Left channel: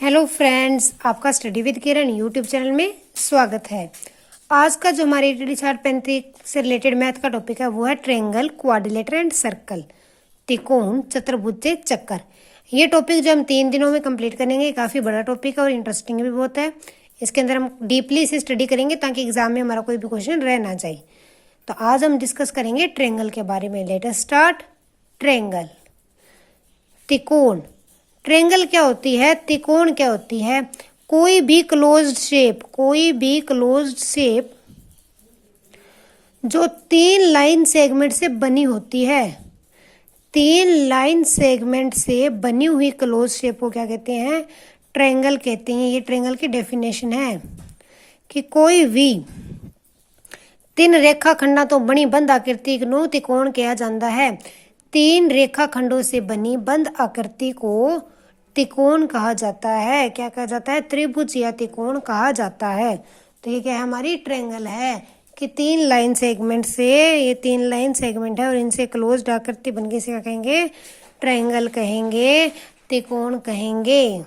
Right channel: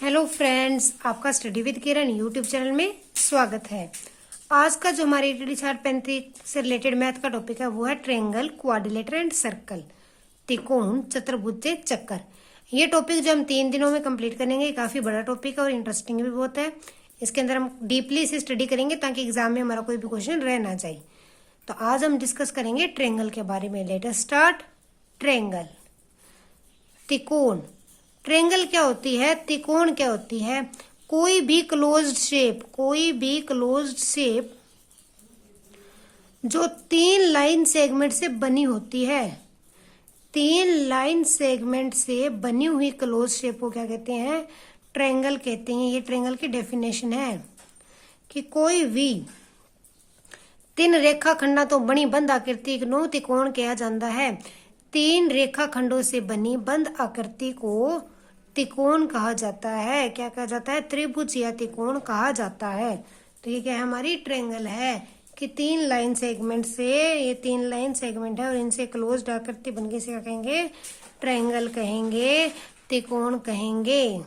Hello friends, आपका study with Kiran YouTube channel में स्वागत है। आज का जो हमारे ईटीडी 6035 से रिलेटेड मैथ का टॉपिक है वो है ट्रायंगल, क्वाड्रिलेटर एंड सर्कल, त्रिकोण, चतुर्भुज, चक्कर। ये टॉपिक जो हम 3 दिनों में कंप्लीट करेंगे, काफी बड़ा टॉपिक है और इंटरेस्टिंग भी बहुत है। इसके अंदर हम डीपली इसे स्टडी करेंगे ताकि एग्जाम में हमारा कोई भी क्वेश्चन रह ना जाए। तो आज हम डिस्कस करेंगे ट्रायंगल के बारे में। Let us start. ट्रायंगल, त्रिकोण। ट्रायंगल क्या होती है, त्रिकोण क्या होती है? कोई भी क्लोज्ड शेप जो 3 लाइन सेगमेंट से बनी होती है। 3 लाइन सेगमेंट से बनी हुई क्लोज शेप को क्या कहते हैं? ट्रायंगल कहते हैं। ये ट्रायंगल की डेफिनेशन है कि कोई भी 3 रेखाखंडों तो बनी बंद आकृति को त्रिकोण कहा जाता है। 3 रेखाखंडों से बनी बंद आकृति को त्रिकोण कहा जाता है। क्या कहा जाता है? त्रिभुज या त्रिकोण कहा जाता है। तो ये क्या है? हमारी ट्रायंगल है कि 3 लाइन सेगमेंट से, ये 3 लाइन सेगमेंट है और इनसे क्लोज्ड आकृति बनके इसे क्या कहेंगे? ट्रायंगल कहेंगे, त्रिकोण कहेंगे,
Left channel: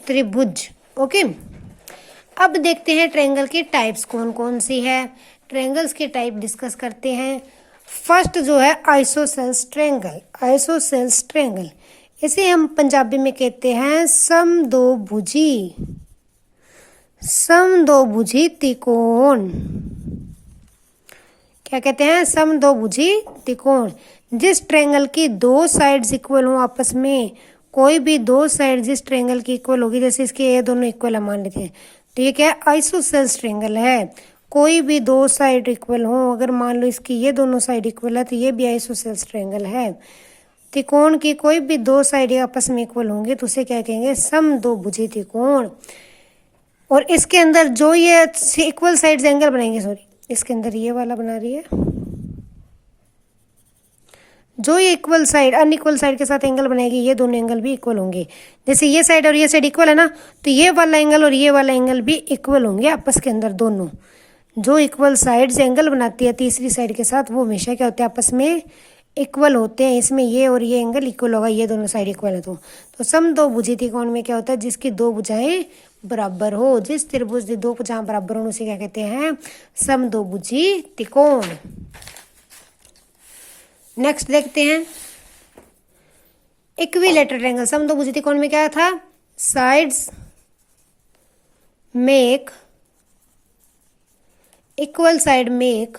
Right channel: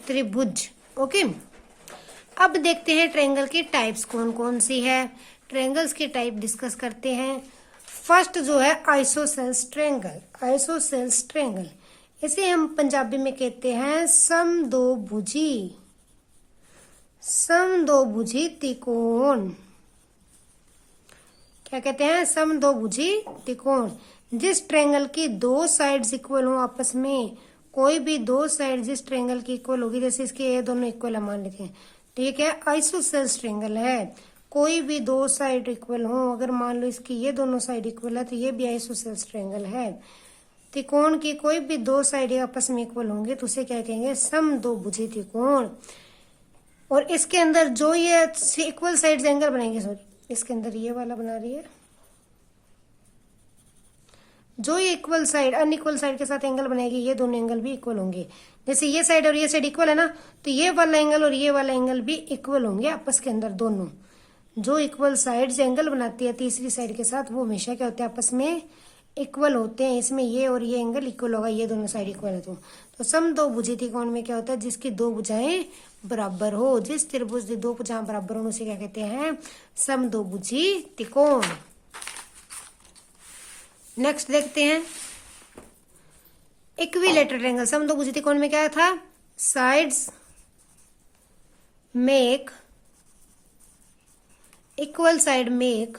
त्रिभुज। ओके, अब देखते हैं ट्रायंगल की टाइप्स कौन कौन सी है। ट्रायंगल्स की टाइप डिस्कस करते हैं। फर्स्ट जो है आइसोसेल्स ट्रायंगल। आइसोसेल्स ट्रायंगल इसे हम पंजाबी में कहते हैं समदोभुजी, समदोभुजी त्रिकोण। क्या कहते हैं? समदोभुजी त्रिकोण। जिस ट्रायंगल की 2 साइड्स इक्वल हो आपस में, कोई भी 2 साइड जिस ट्रायंगल की इक्वल होगी, जैसे इसके ये दोनों इक्वल मान लेते हैं, तो ये क्या है? आइसोसेल्स ट्रायंगल है। कोई भी 2 साइड इक्वल हो, अगर मान लो इसकी ये दोनों साइड इक्वल है तो ये भी आइसोसेल्स ट्रायंगल है। त्रिकोण की कोई भी 2 साइड आपस में इक्वल होंगे तो उसे क्या कहेंगे? समदोभुजी त्रिकोण। और इसके अंदर जो ये इक्वल साइड एंगल बनाएंगे, सॉरी इसके अंदर ये वाला बना रही है, जो ये इक्वल साइड अनइक्वल साइड के साथ एंगल बनाएगी, ये दोनों एंगल भी इक्वल होंगे। जैसे ये साइड और ये साइड इक्वल है ना, तो ये वाला एंगल और ये वाला एंगल भी इक्वल होंगे आपस के अंदर। दोनों जो इक्वल साइड एंगल बनाती है तीसरी साइड के साथ, वो हमेशा क्या होते हैं? आपस में इक्वल होते हैं। इसमें ये और ये एंगल इक्वल होगा, ये दोनों साइड इक्वल है। तो समदोभुजी त्रिकोण में क्या होता है? जिसकी 2 भुजाएं बराबर हो। जिस त्रिभुज की 2 भुजाएं बराबर हो उसे क्या कहते हैं? समदोभुजी त्रिकोण। नेक्स्ट देखते हैं इक्विलेटरल ट्रायंगल। समदोभुजी त्रिकोण में क्या था? Sides make equal side make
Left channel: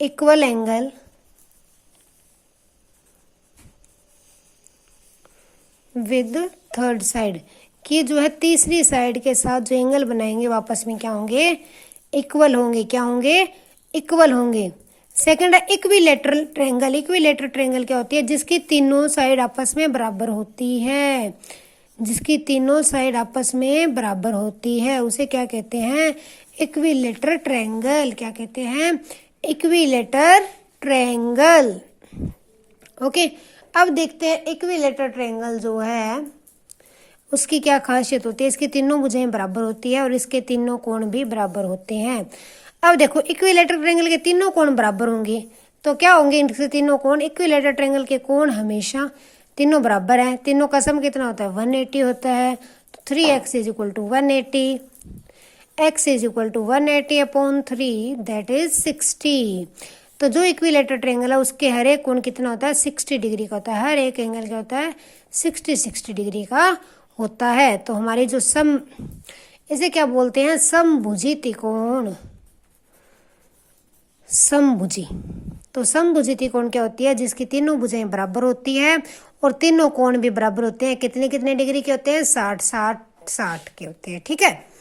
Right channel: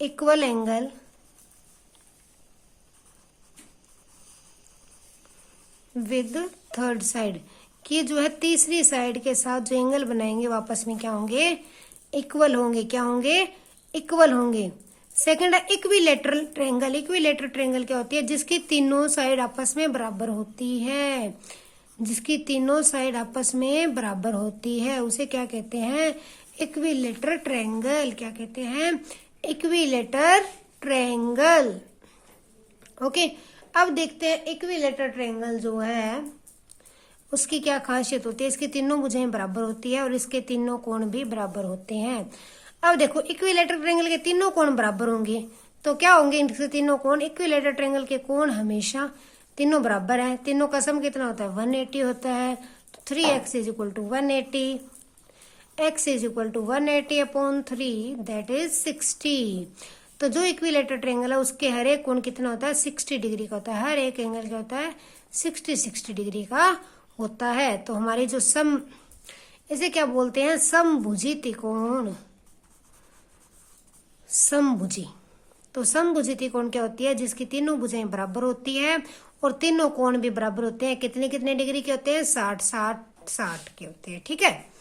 equal angle with third side. कि जो है तीसरी साइड के साथ जो एंगल बनाएंगे वापस में क्या होंगे? इक्वल होंगे। क्या होंगे? इक्वल होंगे। सेकंड है इक्विलेटरल ट्रायंगल। इक्विलेटरल ट्रायंगल क्या होती है? जिसकी तीनों साइड आपस में बराबर होती है। जिसकी तीनों साइड आपस में बराबर होती है उसे क्या कहते हैं? Equilateral triangle. क्या कहते हैं? Equilateral triangle. ओके, अब देखते हैं इक्विलेटरल ट्रायंगल जो है उसकी क्या खासियत होती है। इसकी तीनों भुजाएं बराबर होती है और इसके तीनों कोण भी बराबर होते हैं। अब देखो, इक्विलेटरल ट्रायंगल के तीनों कोण बराबर होंगे तो क्या होंगे? इनके तीनों कोण, इक्विलेटरल ट्रायंगल के कोण हमेशा तीनों बराबर हैं। तीनों का सम कितना होता है? 180 होता है। तो 3x is equal to 180, x is equal to 180 upon 3, that is 60। तो जो इक्विलेटरल ट्रायंगल है उसके हर एक कोण कितना होता है? 60 डिग्री का होता है। हर एक एंगल क्या होता है? 60 डिग्री का होता है। तो हमारी जो सम, इसे क्या बोलते हैं? समभुजी त्रिकोण। समभुजी। तो समभुजी त्रिकोण क्या होती है? जिसकी तीनों भुजाएं बराबर होती है और तीनों कोण भी बराबर होते हैं। कितने कितने डिग्री के होते हैं? 60 के होते हैं। ठीक है।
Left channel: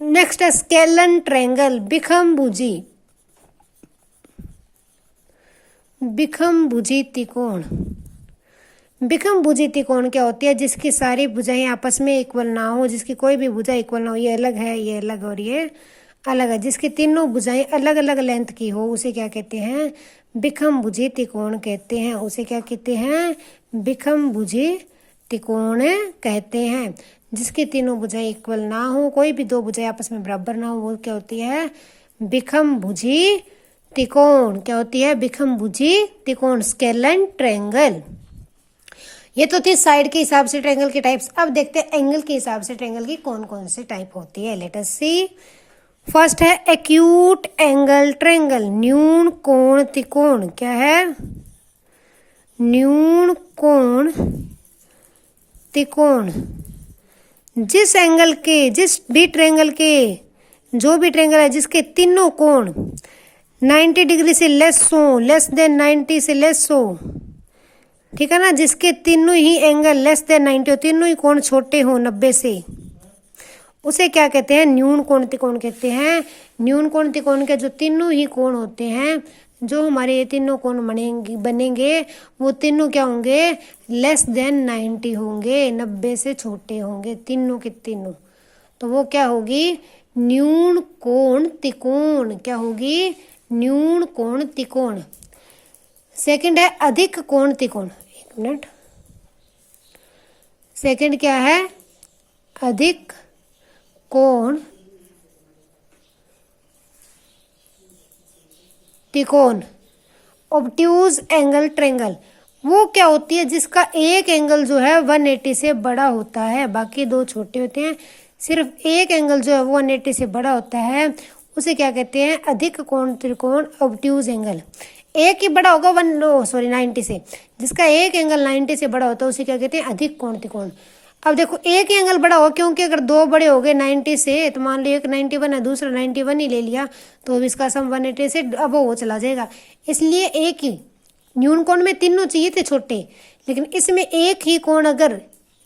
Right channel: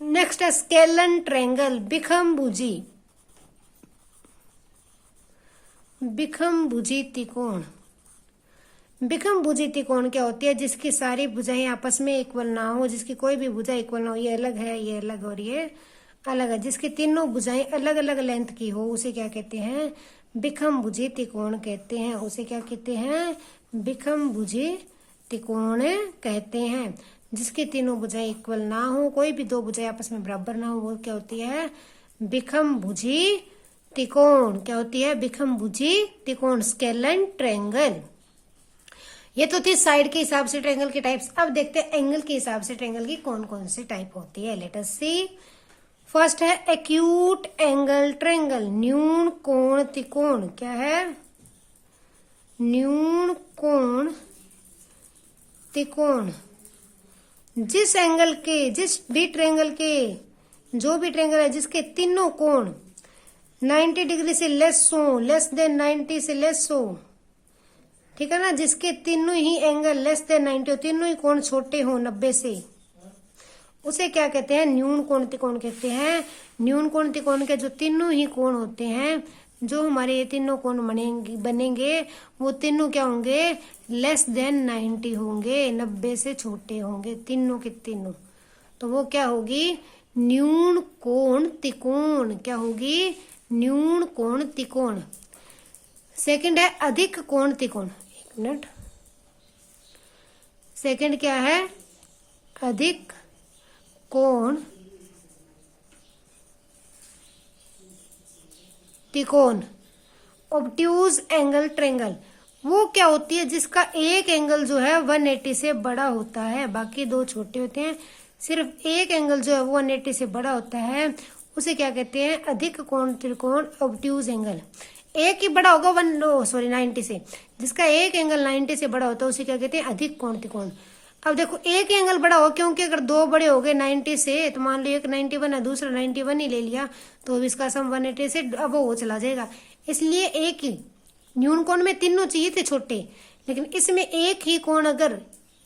नेक्स्ट है स्केलन ट्रायंगल, बिखमभुजी। बिखमभुजी त्रिकोण। बिखमभुजी त्रिकोण क्या होती है? जिसकी सारी भुजाएं आपस में इक्वल ना हो, जिसकी कोई भी भुजा इक्वल ना हो, ये अलग है, ये अलग और ये अलग है, जिसकी तीनों भुजाएं अलग अलग लेंथ की हो, उसे क्या कहते हैं? बिखमभुजी त्रिकोण कहते हैं। उसे क्या कहते हैं? बिखमभुजी त्रिकोण कहते हैं। जिसकी तीनों भुजाएं इक्वल ना हो, कोई भी 2 भुजाएं आपस में बराबर ना हो, वो क्या होती है? बिखमभुजी त्रिकोण। क्या होती है? बिखमभुजी त्रिकोण, स्केलन ट्रायंगल। ये तो थी साइड के हिसाब से ट्रायंगल के टाइप्स। अब देखते हैं एंगल के हिसाब से ट्रायंगल की कौन कौन सी टाइप होती है। लेट अस सी। फर्स्ट है एक्यूट एंगल ट्रायंगल, न्यून कोण त्रिकोण। क्या है? न्यून कोण त्रिकोण। जिस एंगल के, जिस भी ट्रायंगल के, जो भी ट्रायंगल है जिसके तीनों कोण 90 डिग्री से लेस हो, लेस देन 90 से लेस हो, ठीक है ना, जिसके तीनों ही एंगल लेस देन 90 हो, तीनों ही कोण छोटे हो 90 से, उसे क्या कहते हैं? न्यून कोण त्रिकोण कहते हैं। न्यून कोण त्रिकोण के जो तीनों ही कोण होते हैं, जो हमारे ये तीनों कोण बनेंगे वो तीनों क्या होंगे? लेस देन 90 होंगे, 90 से छोटे होंगे तीनों के तीनों। तो वो क्या होगी? न्यून कोण त्रिकोण। क्या होगी? न्यून कोण त्रिकोण। सेकंड है अधिक कोण त्रिकोण। एक मिनट, सेकंड क्या है? अधिक कोण त्रिकोण। ऑब्ट्यूज एंगल ट्रायंगल, वो क्या होती है? जिसका एक एंगल जो है 180 से बड़ा होता है, बाकी दो छोटे होते हैं, सिर्फ एक एंगल जो है वो 180 से बड़ा होता है, उसे क्या कहते हैं? अधिक कोण त्रिकोण, ऑब्ट्यूज एंगल। एक ही बड़ा होगा 90 से, जिसका एक एंगल 90 से बड़ा होता है उसे क्या कहते हैं? अधिक कोण त्रिकोण। अब देखो एक ही एंगल बड़ा हो, क्योंकि अगर दो बड़े हो गए 90 से, तो मान लो एक 91 है, दूसरा 91 ही ले लिया, तो इसका सम 180 से अब वो चला जाएगा। इसलिए एक ही न्यून कोण में तीनों चाहिए थे छोटे, लेकिन इसमें एक ही कोण अगर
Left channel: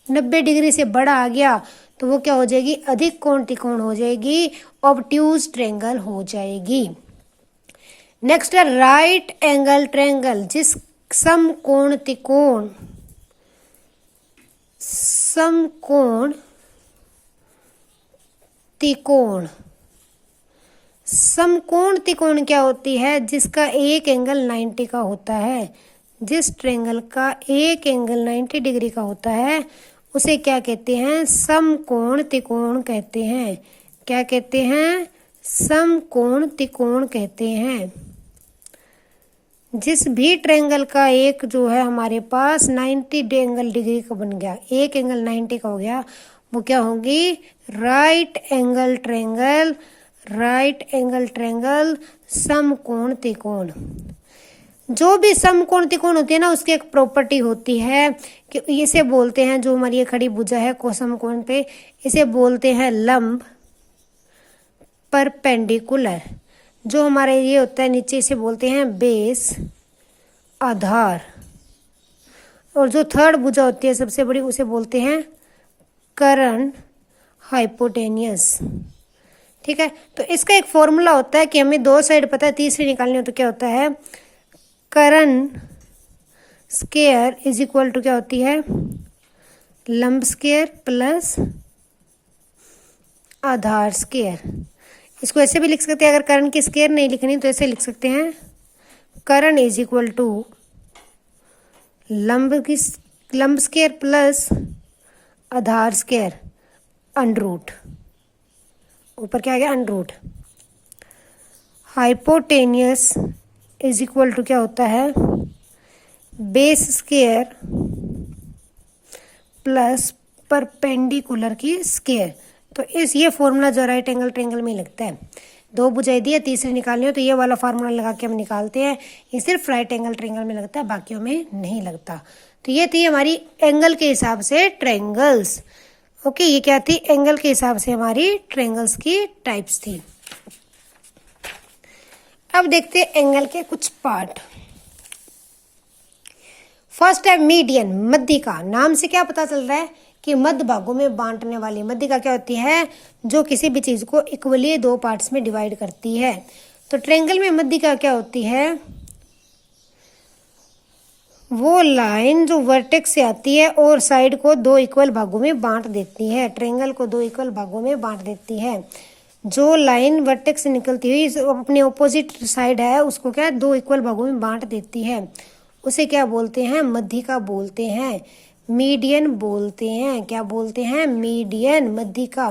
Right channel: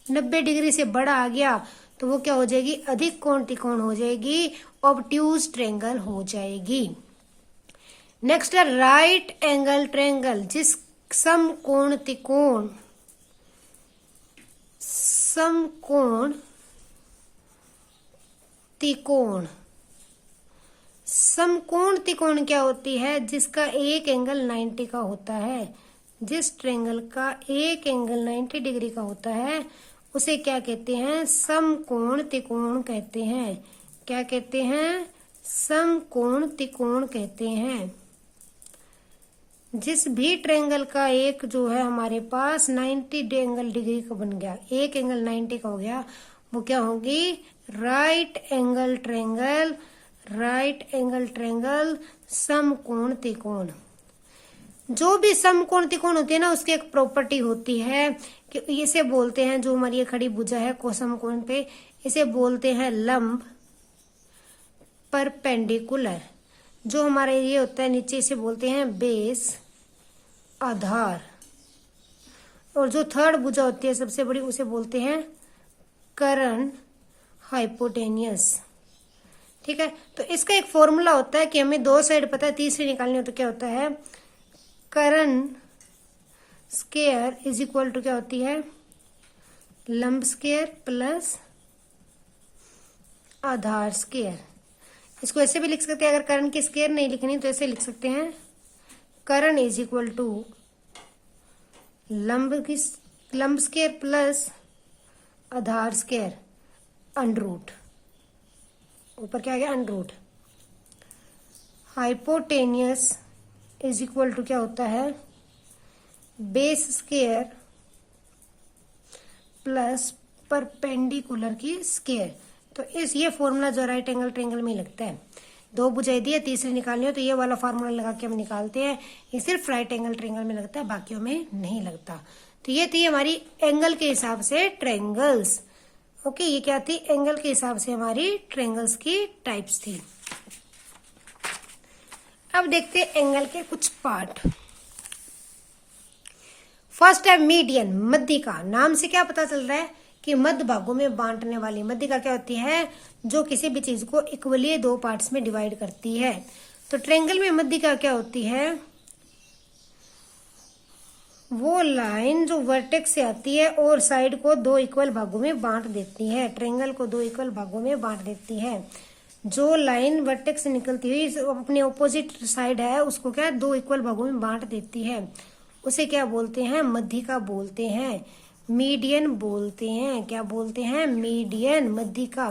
90 डिग्री से बड़ा आ गया तो वो क्या हो जाएगी? अधिक कोण त्रिकोण हो जाएगी, ऑब्ट्यूज ट्रायंगल हो जाएगी। नेक्स्ट है राइट एंगल ट्रायंगल, जिस समकोण त्रिकोण, समकोण त्रिकोण। समकोण त्रिकोण क्या होती है? जिसका एक एंगल 90 का होता है। जिस ट्रायंगल का एक एंगल 90 डिग्री का होता है उसे क्या कहते हैं? समकोण त्रिकोण कहते हैं। क्या कहते हैं? समकोण त्रिकोण कहते हैं। जिस भी ट्रायंगल का एक जो है हमारे पास 90 एंगल डिग्री का बन गया, एक एंगल 90 का हो गया, वो क्या होगी? Right angle triangle. Right angle triangle, समकोण त्रिकोण। जो भी समकोण त्रिकोण होती है ना, उसकी एक प्रॉपर्टी होती है कि इसे बोलते हैं, जो हमारी ये खड़ी भुजा है को समकोण पे, इसे बोलते हैं लंब परपेंडिकुलर। जो हमारा ये होता है नीचे, इसे बोलते हैं बेस, आधार। और जो थर्ड भुजा होती है सबसे बड़ी, उसे बोलते हैं कर्ण हाइपोटेनियस। ठीक है, तो इसका एक फॉर्मूला होता है कि हमें दो साइड पता है, तीसरी निकालनी हो तो क्या होता है? कर्ण स्क्वायर इज इक्वल टू क्या होती है? लंब स्क्वायर प्लस आधार स्क्वायर। इसको ऐसे भी लिख सकते हैं, अगर कर्ण की स्क्वायर नहीं लिखनी तो ऐसे लिख सकते हैं, कर्ण इज इक्वल टू लंब स्क्वायर प्लस आधार स्क्वायर अंडर रूट। ऊपर क्या आ गया? Under root. Hypotenuse is equal to क्या होता है? बेस स्क्वायर प्लस परपेंडिकुलर की स्क्वायर। तो ये फॉर्मूला जो राइट एंगल ट्रायंगल में लगता है। दो बुझाई दी है, तीसरी निकालनी हो तो ये वाला फार्मूला लगा के हम निकालते हैं। ये सिर्फ राइट एंगल ट्रायंगल में लगता है, बाकियों में नहीं लगता। तो ये थी हमारी एंगल के हिसाब से ट्रायंगल्स। ओके, ये क्या थी? एंगल के हिसाब से हमारी ट्रायंगल्स की टाइप्स थी। अब देखते हैं एंगल के कुछ पार्ट। फर्स्ट है मीडियन, मध्यिका। नाम से क्या पता चल रहा है कि मध्य भागों में बांटने वाली। मध्यिका क्या होती है? जो किसी भी चीज को इक्वली दो पार्ट्स में डिवाइड करती है। तो ट्रायंगल में मध्यिका क्या होती है? वो लाइन जो वर्टेक्स से आती है और साइड को दो इक्वल भागों में बांट देती है। ट्रायंगल को दो इक्वल भागों में बांट देती है। जो लाइन वर्टेक्स से निकलती हुई अपने ऑपोजिट साइड है, उसको क्या दो इक्वल भागों में बांट देती है, उसे क्या बोलते हैं? मध्यिका बोलते हैं, मीडियन बोलते हैं। क्या बोलते हैं? मीडियन, मध्यिका।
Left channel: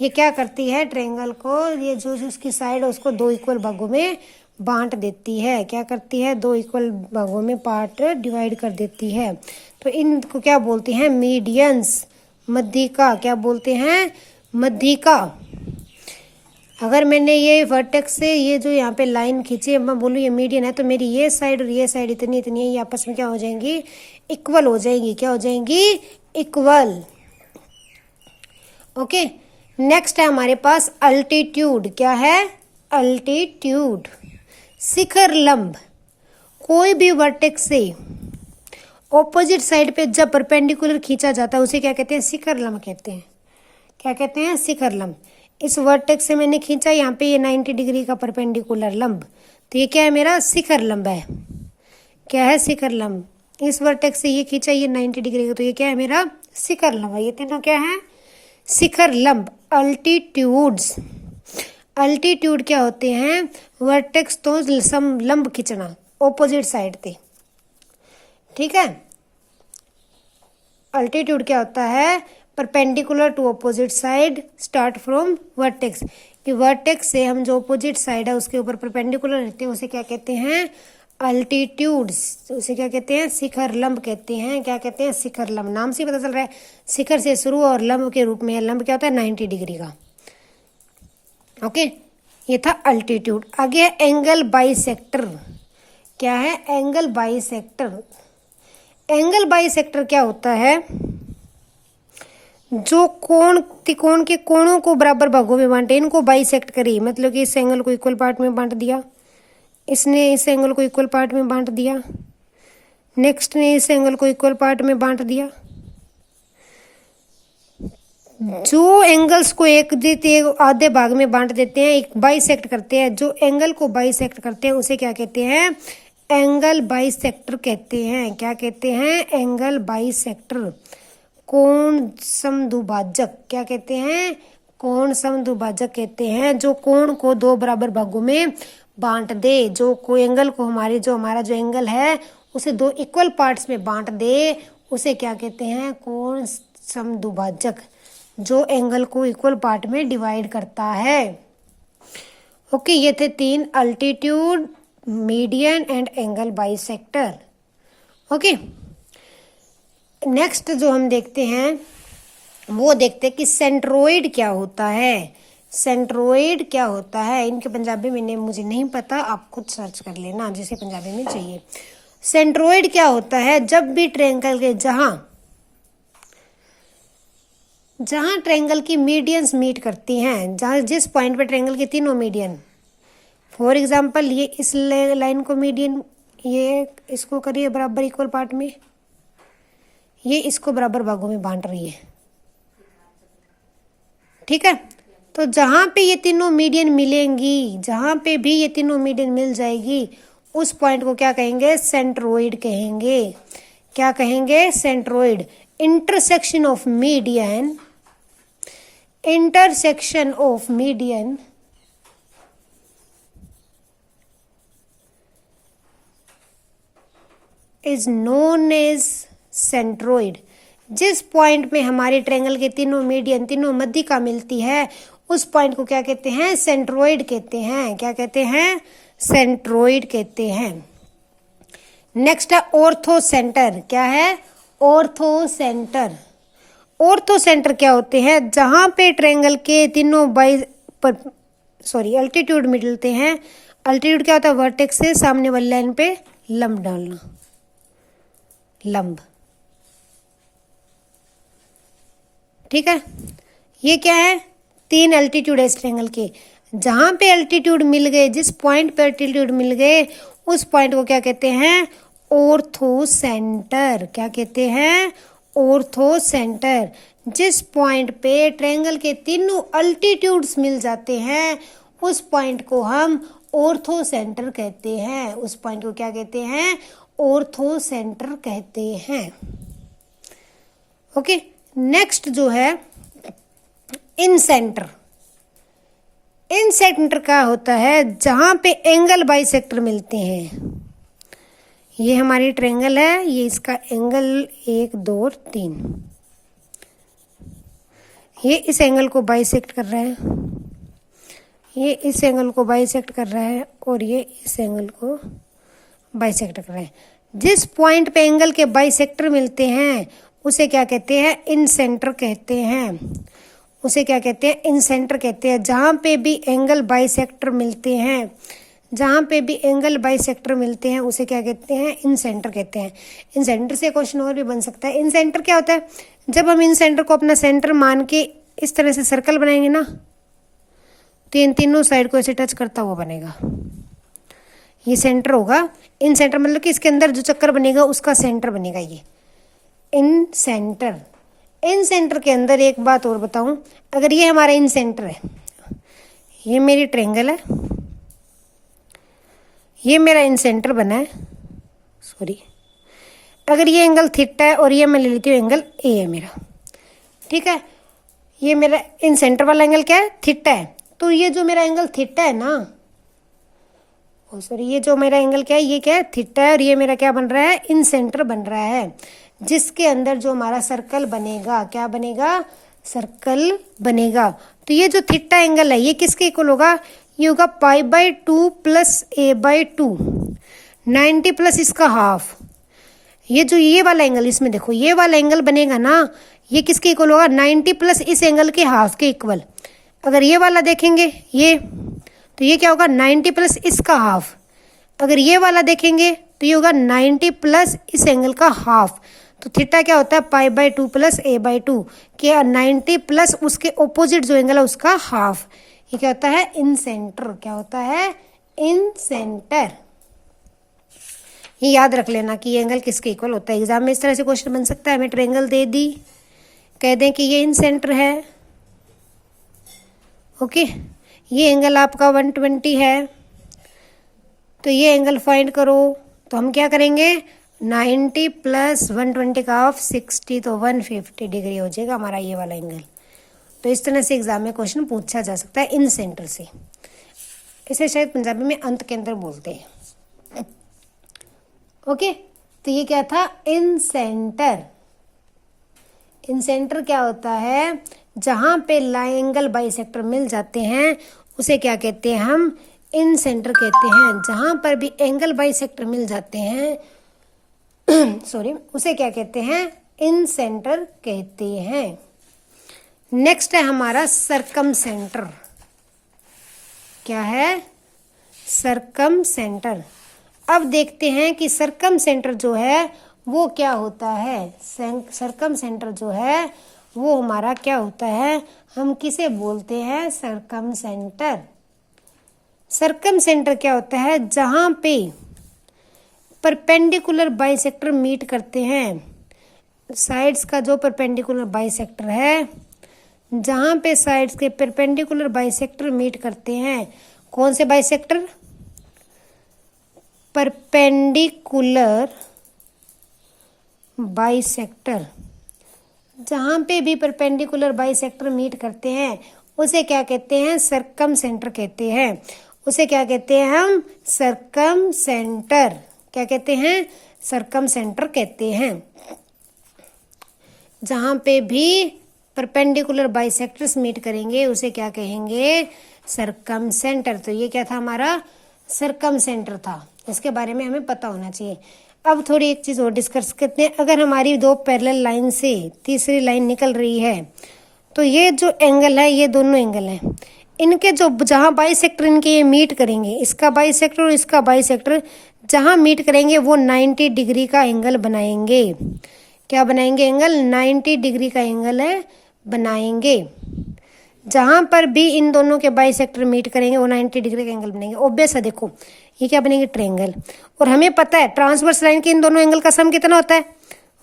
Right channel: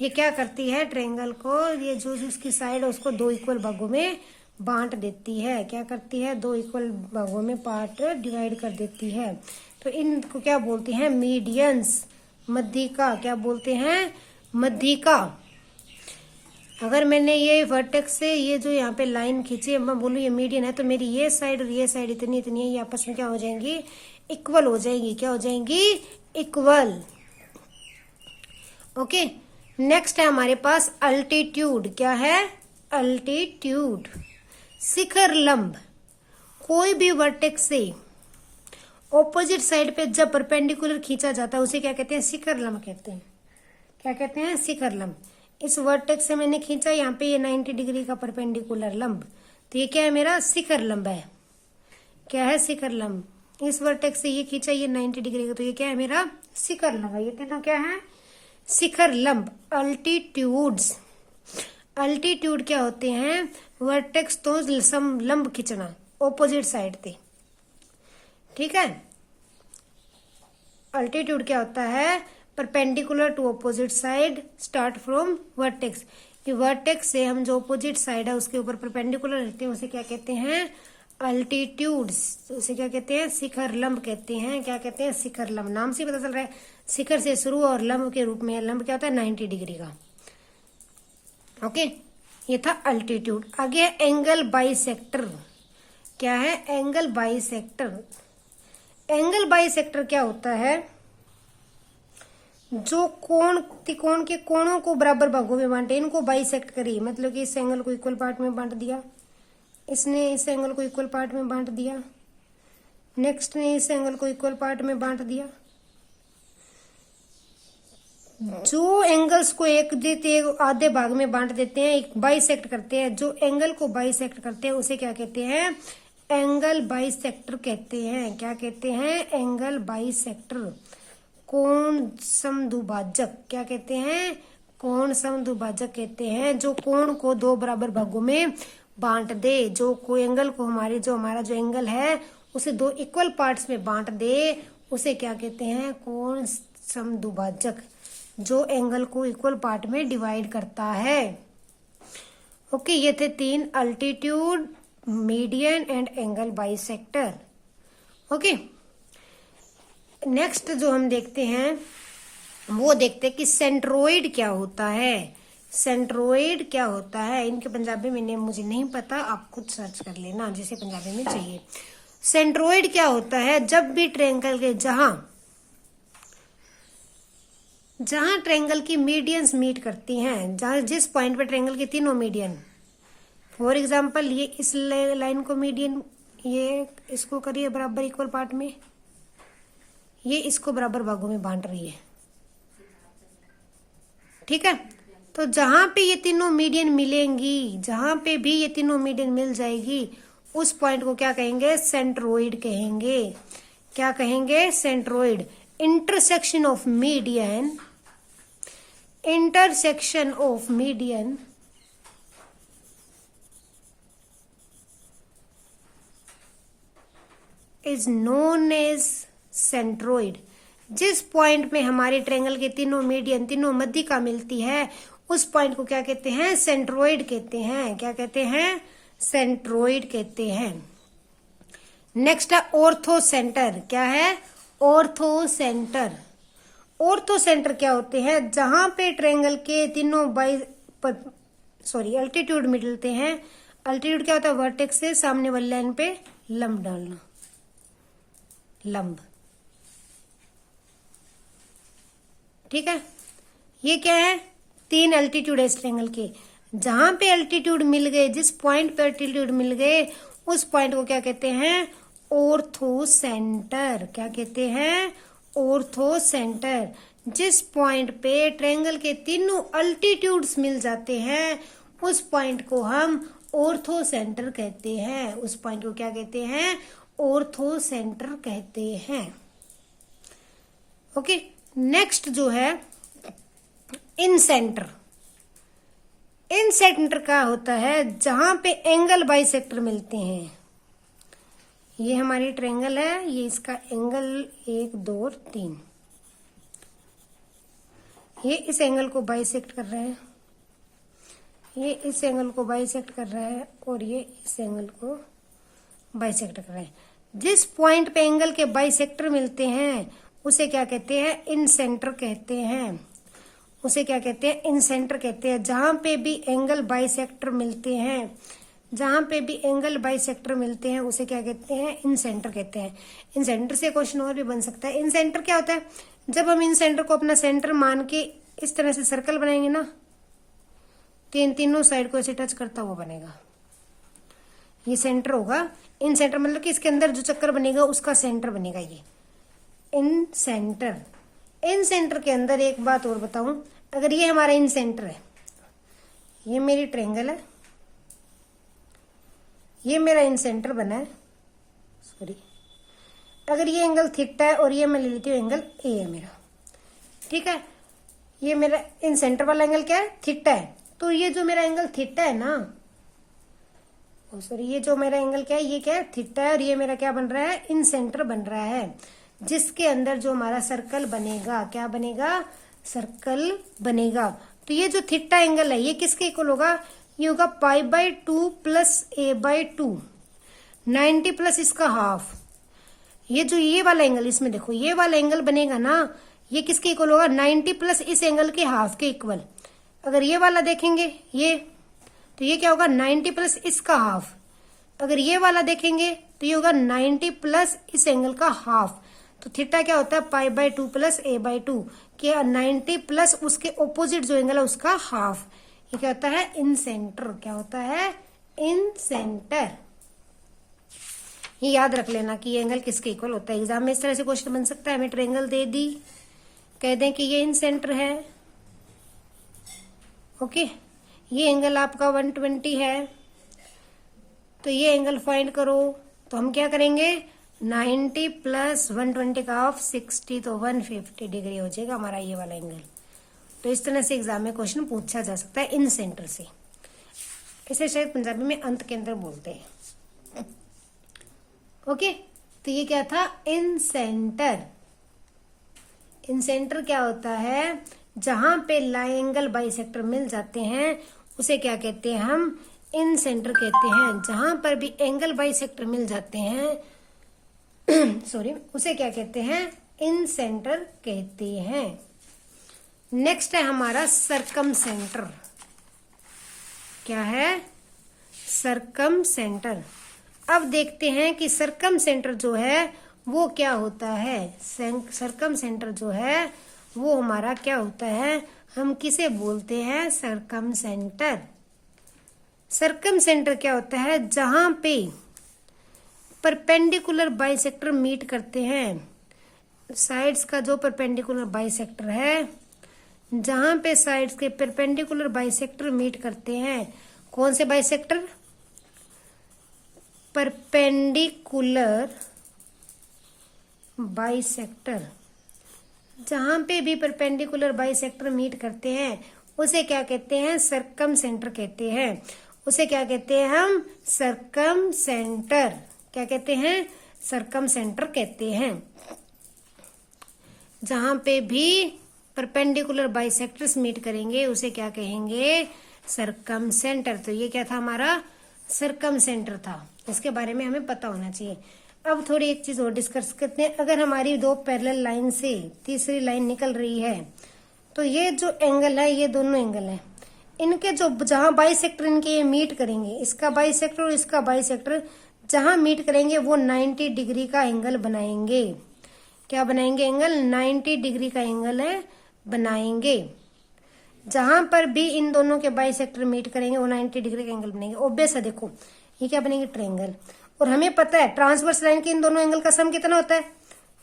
ये क्या करती है? ट्रायंगल को, ये जो उसकी साइड है उसको दो इक्वल भागों में बांट देती है। क्या करती है? दो इक्वल भागों में पार्ट डिवाइड कर देती है। तो तो इनको क्या बोलते हैं, मीडियंस, मध्यिका। क्या बोलते हैं, मध्यिका। अगर मैंने ये वर्टेक्स से ये जो यहाँ पे लाइन खींची है, मैं बोलूँ ये मीडियन है, तो मेरी ये साइड और ये साइड इतनी इतनी है, ये आपस में क्या हो जाएंगी, इक्वल हो जाएंगी। क्या हो जाएंगी, इक्वल। ओके, नेक्स्ट है हमारे पास अल्टीट्यूड। क्या है, अल्टीट्यूड, शिखर लंब। कोई भी वर्टेक्स से ऑपोजिट साइड पे जब परपेंडिकुलर खींचा जाता है उसे क्या कहते हैं, शिखर लंब कहते हैं। क्या कहते हैं, शिखर लंब। इस वर्टेक्स से मैंने खींचा यहाँ पे ये 90 डिग्री का परपेंडिकुलर लंब, तो ये क्या है, मेरा शिखर लंब है। क्या है, शिखर लंब। इस वर्टेक्स से ये खींचा ये 90 डिग्री का, तो ये क्या है, मेरा शिखर लंब है। ये तीनों क्या है, शिखर लंब, अल्टीट्यूड्स। अल्टीट्यूड क्या होते हैं, वर्टेक्स तो लंब खींचना ऑपोजिट साइड पे। ठीक है, अल्टीट्यूड क्या होता है, perpendicular to opposite side start from vertex. कि वर्टेक्स से हम जो ऑपोजिट साइड है उसके ऊपर परपेंडिकुलर रहते हैं उसे क्या कहते हैं, अल्टीट्यूड्स। उसे क्या कहते हैं, शिखर लंब कहते हैं। क्या कहते हैं, शिखर लंब। नाम से पता चल रहा है शिखर से शुरू और लंब के रूप में। लंब क्या होता है, 90 डिग्री का। ओके, ये था अल्टीट्यूड। आगे है एंगल बाइसेक्टर। क्या है, एंगल बाइसेक्टर। एंगल बाइसेक्टर क्या होता है, जो कोण त्रिकोण के कोणों को बराबर भागों में बांटे, इनको बाइसेक्ट करी। मतलब कि इस एंगल को इक्वल पार्ट में बांट दिया, इसने इस एंगल को इक्वल पार्ट में बांट दिया, नेक्स्ट ने इस एंगल को इक्वल पार्ट में बांट दिया। जो एंगल्स को एक देते आधे भाग में बांट देते हैं, एक बाइसेक्ट करते हैं। जो एंगल को बाइसेक्ट करते हैं उसे क्या कहते हैं, एंगल बाइसेक्टर कहते हैं। क्या कहते हैं, एंगल बाइसेक्टर। कोण समद्विभाजक। क्या कहते हैं, कोण समद्विभाजक कहते हैं। जो कोण को दो बराबर भागों में बांट दे, जो कोई एंगल को हमारा जो एंगल है उसे दो इक्वल पार्ट्स में बांट दे, उसे क्या कहते हैं, कोण समद्विभाजक। जो एंगल को इक्वल पार्ट में डिवाइड करता है। ओके, ये थे 3, altitude, median and angle bisector. Okay, next जो हम देखते हैं वो देखते हैं कि सेंट्रोइड क्या होता है। सेंट्रोइड क्या होता है, इनके पंजाबी में नेम मुझे नहीं पता, आप खुद सर्च कर लेना जिसे पंजाबी में चाहिए। सेंट्रोइड क्या होता है, जब भी ट्रायंगल के जहां ट्रायंगल की मीडियंस मीट करती हैं, जहां जिस पॉइंट पे ट्रायंगल के तीनों मीडियन, फॉर एग्जांपल ये इस लाइन को मीडियन, ये इसको करिए बराबर इक्वल पार्ट में, ये इसको बराबर भागों में बांट रही है। ठीक है, तो जहां पे ये तीनों मीडियन मिलेंगी, जहां पे भी ये तीनों मीडियन मिल जाएगी, उस पॉइंट को क्या कहेंगे, सेंट्रोइड कहेंगे। क्या कहेंगे, centroid. Intersection of median, intersection of median is known as centroid. जिस पॉइंट में हमारे ट्रायंगल के तीनों मीडियन, तीनों मध्यिका मिलती है, उस पॉइंट को क्या कहते हैं, सेंट्रोइड कहते हैं। क्या कहते हैं, सेंट्रोइड कहते हैं। नेक्स्ट है ऑर्थो सेंटर। क्या है, ऑर्थो सेंटर। ऑर्थो सेंटर क्या होते हैं, जहां पे ट्रायंगल के तीनों अल्टीट्यूड मिलते हैं। अल्टीट्यूड क्या होता है, वर्टेक्स से सामने वाली लाइन पे लंब डालना, लंब। ठीक है, ये क्या है, 3 अल्टीट्यूड है इस ट्रायंगल के। जहां पे अल्टीट्यूड मिल गए, जिस पॉइंट पे अल्टीट्यूड मिल गए, उस पॉइंट को क्या कहते हैं, ऑर्थो सेंटर। क्या कहते हैं, ऑर्थो सेंटर। जिस पॉइंट पे ट्रायंगल के तीनों अल्टीट्यूड्स मिल जाते हैं, उस पॉइंट को हम ऑर्थो सेंटर कहते हैं। उस पॉइंट को क्या कहते हैं, ऑर्थो सेंटर कहते हैं। ओके, नेक्स्ट जो है इन सेंटर। इन सेंटर का होता है जहां पे एंगल बाइसेक्टर मिलते हैं। ये हमारी ट्रायंगल है, ये इसका एंगल 1 2 3, ये इस एंगल को बाइसेक्ट कर रहा है, ये इस एंगल को बाइसेक्ट कर रहा है, और ये इस एंगल को बाइसेक्ट कर रहा है। जिस पॉइंट पे एंगल के बाइसेक्टर मिलते हैं उसे क्या कहते हैं, इन सेंटर कहते हैं। उसे क्या कहते हैं, इन सेंटर कहते हैं। जहां पे भी एंगल बाइसेक्टर मिलते हैं, जहां पे भी एंगल बाइसेक्टर मिलते हैं उसे क्या कहते हैं, इन सेंटर कहते हैं। इन सेंटर से क्वेश्चन और भी बन सकता है। इन सेंटर क्या होता है, जब हम इन सेंटर को अपना सेंटर मान के इस तरह से सर्कल बनाएंगे ना, तो इन तीनों साइड को ऐसे टच करता हुआ बनेगा, ये सेंटर होगा। इन सेंटर मतलब कि इसके अंदर जो चक्कर बनेगा उसका सेंटर बनेगा ये इन सेंटर। इन सेंटर के अंदर एक बात और बताऊं, अगर ये हमारा इन सेंटर है, ये मेरी ट्रायंगल है, ये मेरा इन सेंटर बना है, सॉरी, अगर ये एंगल थीटा है और ये मैं ले लेती हूँ एंगल ए है मेरा, ठीक है, ये मेरा इन सेंटर वाला एंगल क्या है, थीटा है। तो ये जो मेरा एंगल थीटा है ना, ओ सॉरी, ये जो मेरा एंगल क्या है, ये क्या है, थीटा है, और ये मेरा क्या बन रहा है, इन सेंटर बन रहा है, जिसके अंदर जो हमारा सर्कल बनेगा, क्या बनेगा, सर्कल बनेगा। तो ये जो थीटा एंगल है ये किसके इक्वल होगा, ये होगा π/2 प्लस a/2, 90 प्लस इसका हाफ। ये जो ये वाला एंगल, इसमें देखो ये वाला एंगल बनेगा ना, ये किसके इक्वल होगा, 90 प्लस इस एंगल के हाफ के इक्वल। अगर ये वाला देखेंगे ये, तो ये क्या होगा, 90 प्लस इसका हाफ। अगर ये वाला देखेंगे तो ये होगा 90 प्लस इस एंगल का हाफ। तो थीटा क्या होता है, π/2 प्लस a/2, क्या 90 प्लस उसके ऑपोजिट जो एंगल है उसका हाफ। ये क्या होता है, इन सेंटर। क्या होता है, इन सेंटर। ये याद रख लेना कि ये एंगल किसके इक्वल होता है। एग्जाम में इस तरह से क्वेश्चन बन सकता है, हमें ट्रायंगल दे दी, कह दें कि ये इन सेंटर है, ओके, ये एंगल आपका 120 है, तो ये एंगल फाइंड करो। तो हम क्या करेंगे, 90 प्लस 120 का हाफ 60, तो 150 डिग्री हो जाएगा हमारा ये वाला एंगल। तो इस तरह से एग्जाम में क्वेश्चन पूछा जा सकता है इन सेंटर से। इसे शायद पंजाबी में अंत के अंदर बोलते हैं, ओके। तो ये क्या था, इन सेंटर। इन सेंटर क्या होता है, जहां पे एंगल बाइसेक्टर मिल जाते हैं उसे क्या कहते हैं, हम इन सेंटर कहते हैं। जहां पर भी एंगल बाइसेक्टर मिल जाते हैं सॉरी, उसे क्या कहते हैं, इन सेंटर कहते हैं। नेक्स्ट है हमारा सरकम सेंटर। क्या है, सरकम सेंटर। अब देखते हैं कि सरकम सेंटर जो है वो क्या होता है। सरकम सेंटर जो है वो हमारा क्या होता है, हम किसे बोलते हैं, सरकम सेंटर। सरकम सेंटर क्या होता है, जहां पे परपेंडिकुलर बाइसेक्टर मीट करते हैं, साइड्स का जो परपेंडिकुलर बाइसेक्टर है, जहां पे साइड्स के परपेंडिकुलर बाइसेक्टर मीट करते हैं, कौन से बाइसेक्टर, परपेंडिकुलर बाइसेक्टर। जहां पे भी परपेंडिकुलर बाइसेक्टर मीट करते हैं उसे क्या कहते हैं, सरकम सेंटर कहते हैं। उसे क्या कहते हैं हम, सरकम सेंटर। क्या कहते हैं, सरकम सेंटर कहते हैं। जहां पे भी परपेंडिकुलर बाइसेक्टर्स मीट करेंगे उसे क्या कहेंगे, सरकम सेंटर। तो ये क्या था, हमारा सरकम सेंटर था। इसके बारे में हमें पता होना चाहिए। अब थोड़ी एक चीज और डिस्कस करते हैं। अगर हमारी दो पैरेलल लाइन से तीसरी लाइन निकल रही है, तो ये जो एंगल है, ये दोनों एंगल हैं, इनके जो जहां बाइसेक्टर इनके ये मीट करेंगे, इसका बाइसेक्टर और इसका बाइसेक्टर जहां मीट करेंगे वो 90 डिग्री का एंगल बनाएंगे। क्या बनाएंगे, एंगल 90 डिग्री का एंगल है बनाएंगे। जहां पर भी इन दोनों के बाइसेक्टर मीट करेंगे वो 90 डिग्री का एंगल बनाएंगे। ऑब्वियस है, देखो ये क्या बनेंगे, ट्रायंगल। और हमें पता है ट्रांसवर्स लाइन के इन दोनों एंगल का सम कितना होता है,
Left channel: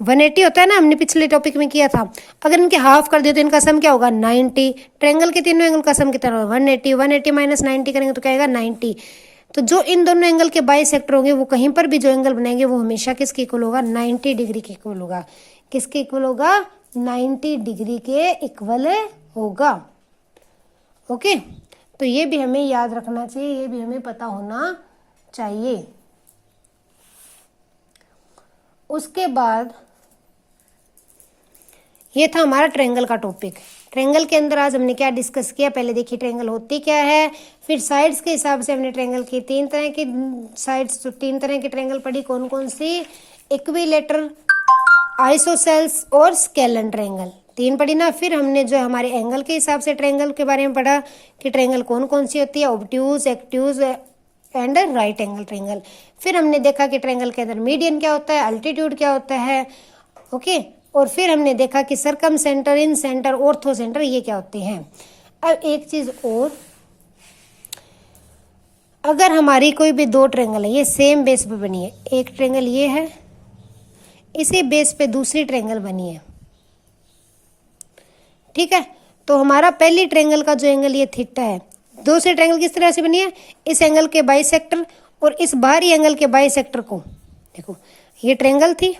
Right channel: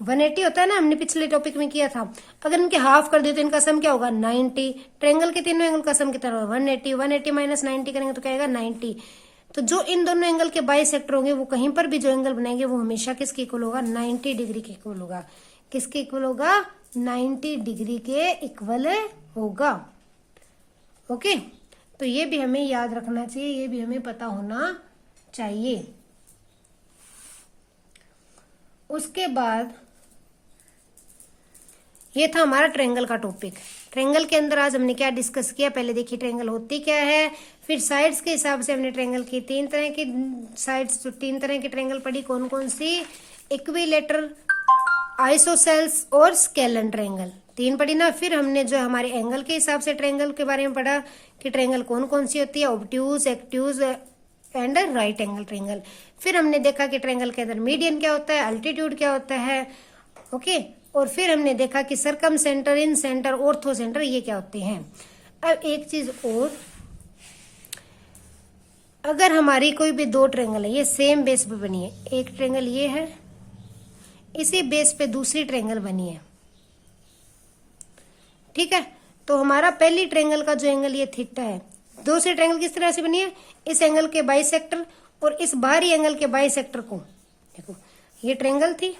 180 होता है ना, हमने पिछले टॉपिक में किया था। अगर इनके हाफ कर दिए तो इनका सम क्या होगा, 90। ट्रायंगल के तीनों एंगल का सम कितना होगा, 180। 180 माइनस 90 करेंगे तो क्या आएगा, 90। तो जो इन दोनों एंगल के बाइसेक्टर होंगे वो कहीं पर भी जो एंगल बनाएंगे वो हमेशा किसके इक्वल होगा, 90 डिग्री के इक्वल होगा। किसके इक्वल होगा, 90 डिग्री के इक्वल होगा। ओके, तो ये भी हमें याद रखना चाहिए, ये भी हमें पता होना चाहिए। उसके बाद ये था हमारा ट्रायंगल का टॉपिक। ट्रायंगल के अंदर आज हमने क्या डिस्कस किया, पहले देखिए ट्रायंगल होती क्या है, फिर साइड्स के हिसाब से हमने ट्रायंगल की 3 तरह की साइड्स, 3 तरह की ट्रायंगल पढ़ी, कौन कौन सी, इक्विलेटरल, आइसोसेल्स और स्केलन ट्रायंगल, 3 पढ़ी ना। फिर हमने जो हमारे एंगल के हिसाब से ट्रायंगल के बारे में पढ़ा कि ट्रायंगल कौन कौन सी होती है, obtuse, acute and right angle triangle. फिर हमने देखा कि ट्रायंगल के अंदर मीडियन क्या होता है, अल्टीट्यूड क्या होता है, ओके। और फिर हमने देखा कि सरकम सेंटर, इन सेंटर, ऑर्थो सेंटर ये क्या होते हैं। अब एक चीज और, अगर हमारी कोई भी 2 ट्रायंगल है, ये सेम बेस पे बनी है, एक ट्रायंगल ये है, इसी बेस पे दूसरी ट्रायंगल बनी है, ठीक है। तो हमारा पहली ट्रायंगल का जो एंगल ये थीटा है, दूसरी ट्रायंगल किस तरह से बनी है, इस एंगल के बाइसेक्टर और इस बाहरी एंगल के बाइसेक्टर को, देखो ये ट्रायंगल थी,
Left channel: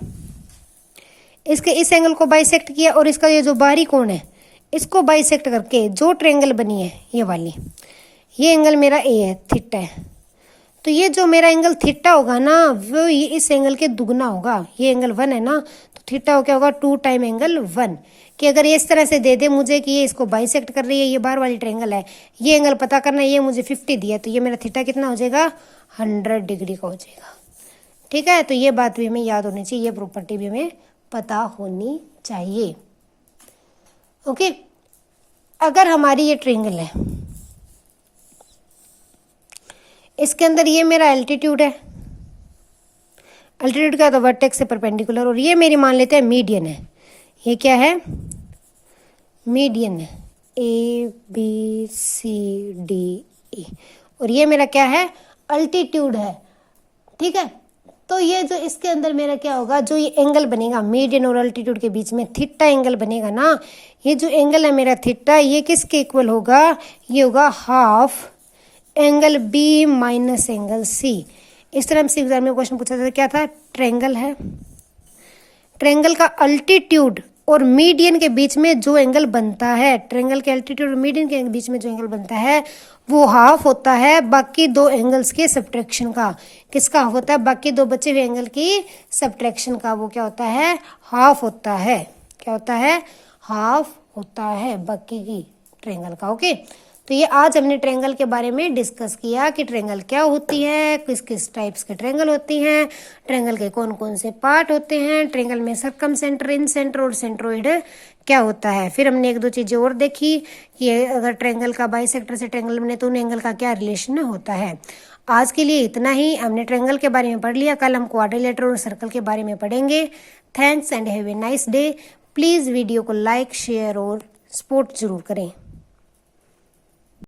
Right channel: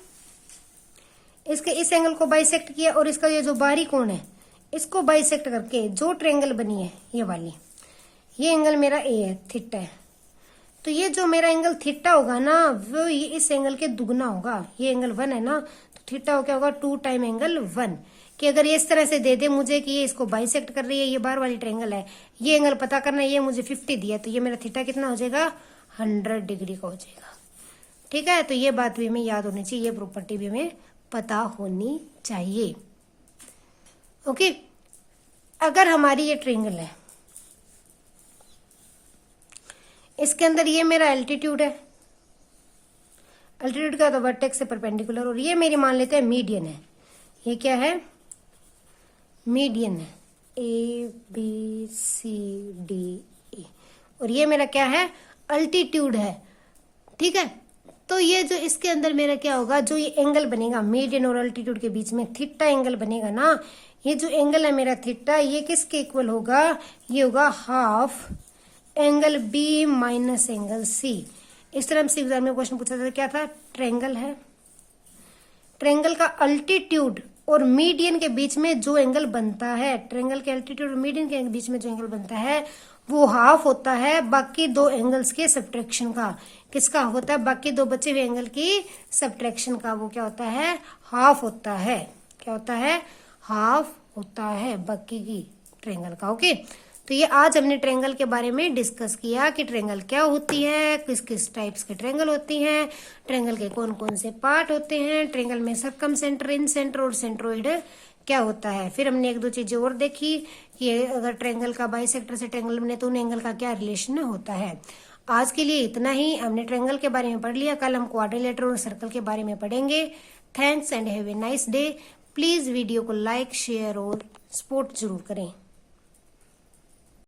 इसके इस एंगल को बाइसेक्ट किया और इसका ये जो बाहरी कोण है इसको बाइसेक्ट करके जो ट्रायंगल बनी है ये वाली, ये एंगल मेरा ए है, थीटा है। तो ये जो मेरा एंगल थीटा होगा ना, वो ये इस एंगल के दुगना होगा। ये एंगल 1 है ना, तो थीटा क्या होगा, 2 टाइम एंगल 1। कि अगर ये इस तरह से दे दे मुझे कि ये इसको बाइसेक्ट कर रही है, ये बाहर वाली ट्रायंगल है, ये एंगल पता करना है, ये मुझे 50 दिया, तो ये मेरा थीटा कितना हो जाएगा, 100 डिग्री का हो जाएगा, ठीक है। तो ये बात भी हमें याद होनी चाहिए, ये प्रॉपर्टी भी हमें पता होनी चाहिए, ओके। अगर हमारी ये ट्रायंगल है, इसके अंदर ये मेरा एल्टीट्यूड है, एल्टीट्यूड क्या होता है, वर्टेक्स से परपेंडिकुलर, और ये मेरी मान लेते हैं मीडियन है, ये क्या है, मीडियन है, A B C D E, और ये मेरा क्या है, अल्टीट्यूड है, ठीक है। तो ये जो इसके अंदर मेरा क्या होगा, जो ये एंगल बनेगा मीडियन और अल्टीट्यूड के बीच में, थीटा एंगल बनेगा ना, ये जो एंगल है मेरा थीटा, ये किसके इक्वल होगा, ये होगा half angle B minus angle C. इस तरह से एग्जाम में क्वेश्चन पूछा था, क्या था, ट्रायंगल है, ट्रायंगल का अल्टीट्यूड और मीडियन के बीच में जो एंगल बनता है, ट्रायंगल के अल्टीट्यूड और मीडियन के बीच में जो एंगल बनता है वो हाफ होता है बाकी 2 एंगल्स के सब्ट्रैक्शन का। किसका हाफ होता है, बाकी 2 बचे हुए एंगल की सब्ट्रैक्शन का, वो क्या होता है, हाफ होता है, क्या होता है, हाफ होता है बाकी की ट्रायंगल का, ओके। तो ये आज हमने ट्रायंगल के बारे में डिस्कस किया कि ट्रायंगल क्या होती है, किस किस टाइप्स के ट्रायंगल होती हैं, ट्रायंगल के कौन कौन से पार्ट होते हैं, ट्रायंगल में सरकम सेंटर, इन सेंटर और सेंट्रोइड क्या होता है। फिर हमने 1-2 चीजें और देखी कि अगर ट्रायंगल का बाइसेक्टर से ट्रायंगल बने तो उन एंगल का क्या रिलेशन होता है। आज के लिए इतना ही, हमने ट्रायंगल के बारे में पढ़ लिया, कल हम क्वाड्रिलेटरल और सर्कल के बारे में पढ़ेंगे। Thanks and have a nice day. Please video को लाइक, शेयर और सपोर्ट जरूर करें।